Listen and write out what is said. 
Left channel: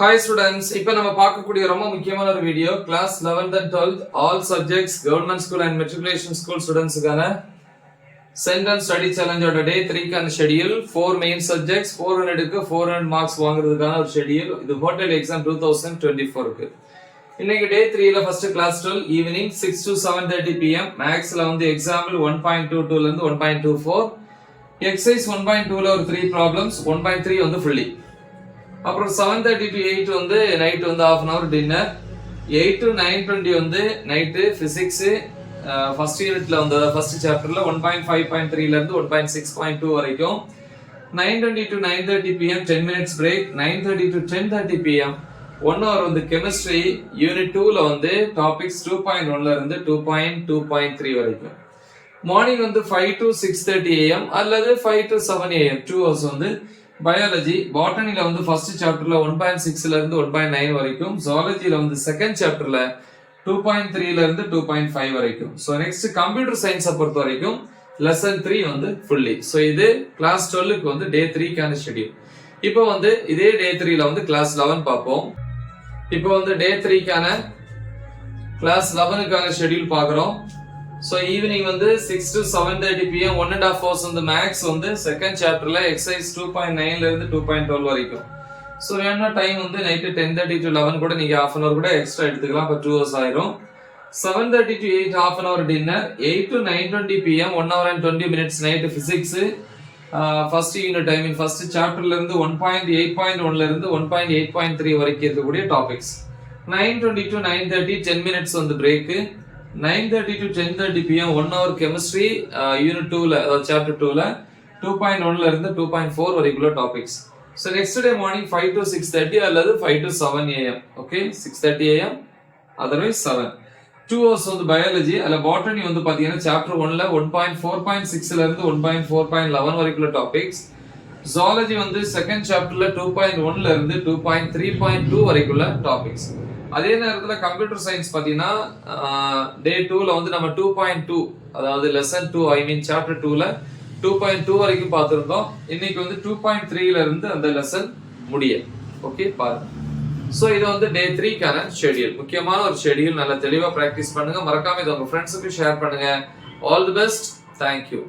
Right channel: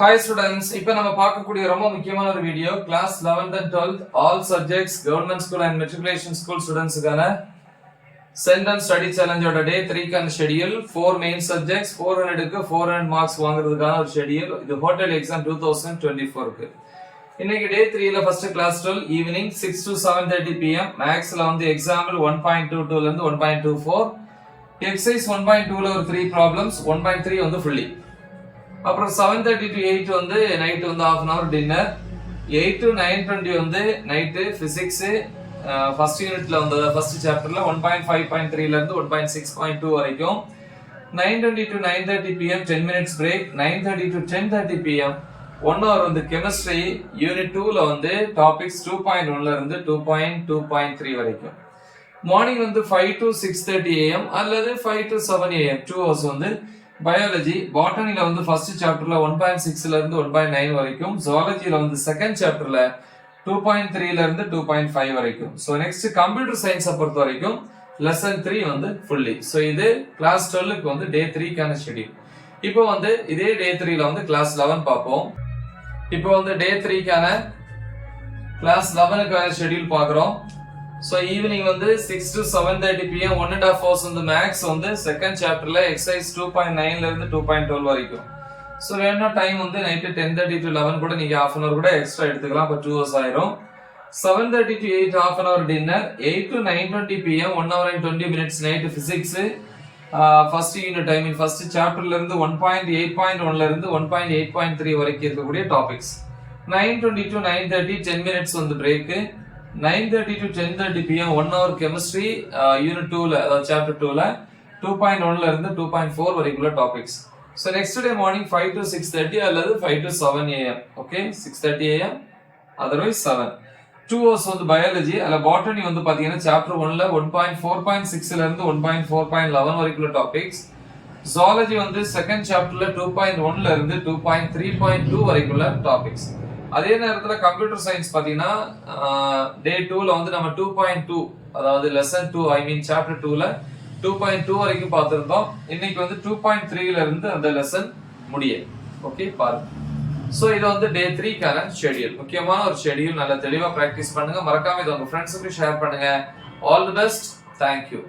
Hi students, இப்போ நம்ம பார்க்கக்கூடிய ரொம்ப முக்கியமான ஒரு video class 11th and 12th all subjects government school and matriculation school studentsக்கான sentence study challenge ஓட day 3 கான schedule 4 main subjects 400 க்கு 400 marks வாங்குறதுக்கான ஒரு schedule இது hotel exam 2024 க்கு இன்னைக்கு day 3 ல first class 12 evening 6 to 7:30 pm maths ல வந்து example 1.22 ல இருந்து 1.24 exercise 1.2 ல ஒரு 3 problems 1.3 வந்து fully அப்புறம் 7:30 to 8 வந்து நைட் வந்து half an hour dinner 8 to 9:20 வந்து நைட் physics ஃபர்ஸ்ட் யூனிட்ல வந்து ஃபர்ஸ்ட் சாப்டர்ல 1.5.3 ல இருந்து 1.6.2 வரைக்கும் 9:20 to 9:30 pm 10 minutes break 9:30 to 10:30 pm 1 hour வந்து chemistry யூனிட் 2 ல வந்து டாபிக்ஸ் 2.1 ல இருந்து 2.2.3 வரைக்கும் மார்னிங் வந்து 5 to 6:30 am அல்லது 5 to 7 am 2 hours வந்து பயாலஜி பாட்டனில வந்து ஃபர்ஸ்ட் சாப்டர்ல 1.6 ல இருந்து 1.9 வரைக்கும் ஜூவாலஜில வந்து செகண்ட் சாப்டர்ல 2.3 ல இருந்து 2.5 வரைக்கும் சோ நெக்ஸ்ட் கம்ப்யூட்டர் சயின்ஸை பொறுத்த வரைக்கும் லெசன் 3 வந்து ஃபுல்லி சோ இது கிளாஸ் 12 க்கு வந்து டே 3 கான ஷெட்யூல் இப்போ வந்து இதே டே 3 ல வந்து கிளாஸ் 11 பாப்போம் இப்போ வந்து டே 3 கான கிளாஸ் 11 கான ஷெட்யூல் பார்க்கறோம் So evening வந்து 6 to 7:30 pm 1.5 hours வந்து maths வந்து செகண்ட் சாப்டர்ல exercise 2.9 ல இருந்து 2.12 வரைக்கும் சோ வேணா டைம் வந்து நைட் 10:30 to 11 கூட நீங்க half an hour கூட எக்ஸ்ட்ரா எடுத்துக்கலாம் அப்ப 2 hours ஆயிரும் 7:30 to 8 half an hour dinner 8 to 9:20 pm 1 hour and 20 minutes night physics first unit I mean first chapterல இருந்து 1.8.1 ல இருந்து 1.8.3 வரைக்கும் இருக்கக்கூடிய டாபிக்ஸ் 9:20 to 9:30 10 minutes வந்து break 9:30 to 10:30 pm 1 hour chemistry unit 2 ல அதாவது chapter 2 ல 2.1 ல இருந்து 2.4 வரைக்குள்ள topics so next day morning 5 to 6:30 அல்லது 5 to 7 am okay 6:30 am otherwise 7 2 hours வந்து biology அல்ல botany வந்து பாத்தீங்கன்னா chapter 1 ல 1.4.6 ல இருந்து 1.4.11 வரைக்குள்ள டாபிக்ஸ் zoology வந்து செகண்ட் சாப்டர்ல 2.1 ல இருந்து 2.3.2 வரைக்குள்ள டாபிக்ஸ் அதே நேரத்துல கம்ப்யூட்டர் சயின்ஸ் பாத்தீங்கன்னா டே 2 ல வந்து நம்ம 2.2 அதாவது லெசன் 2 ஐ மீன் சாப்டர் 2 ல 2.2 வரைக்கும் பார்த்திருந்தோம் இன்னைக்கு வந்து 2.3 ல இருந்து அந்த லெசன் முடிய ஓகே பாருங்க சோ இது வந்து டே 3 கான ஷெட்யூல் முக்கியமான ஒரு ஷெட்யூல் நல்லா தெளிவா பிராக்டீஸ் பண்ணுங்க மறக்காம இத உங்க ஃப்ரெண்ட்ஸ்க்கு ஷேர் பண்ணுங்க all the best thank you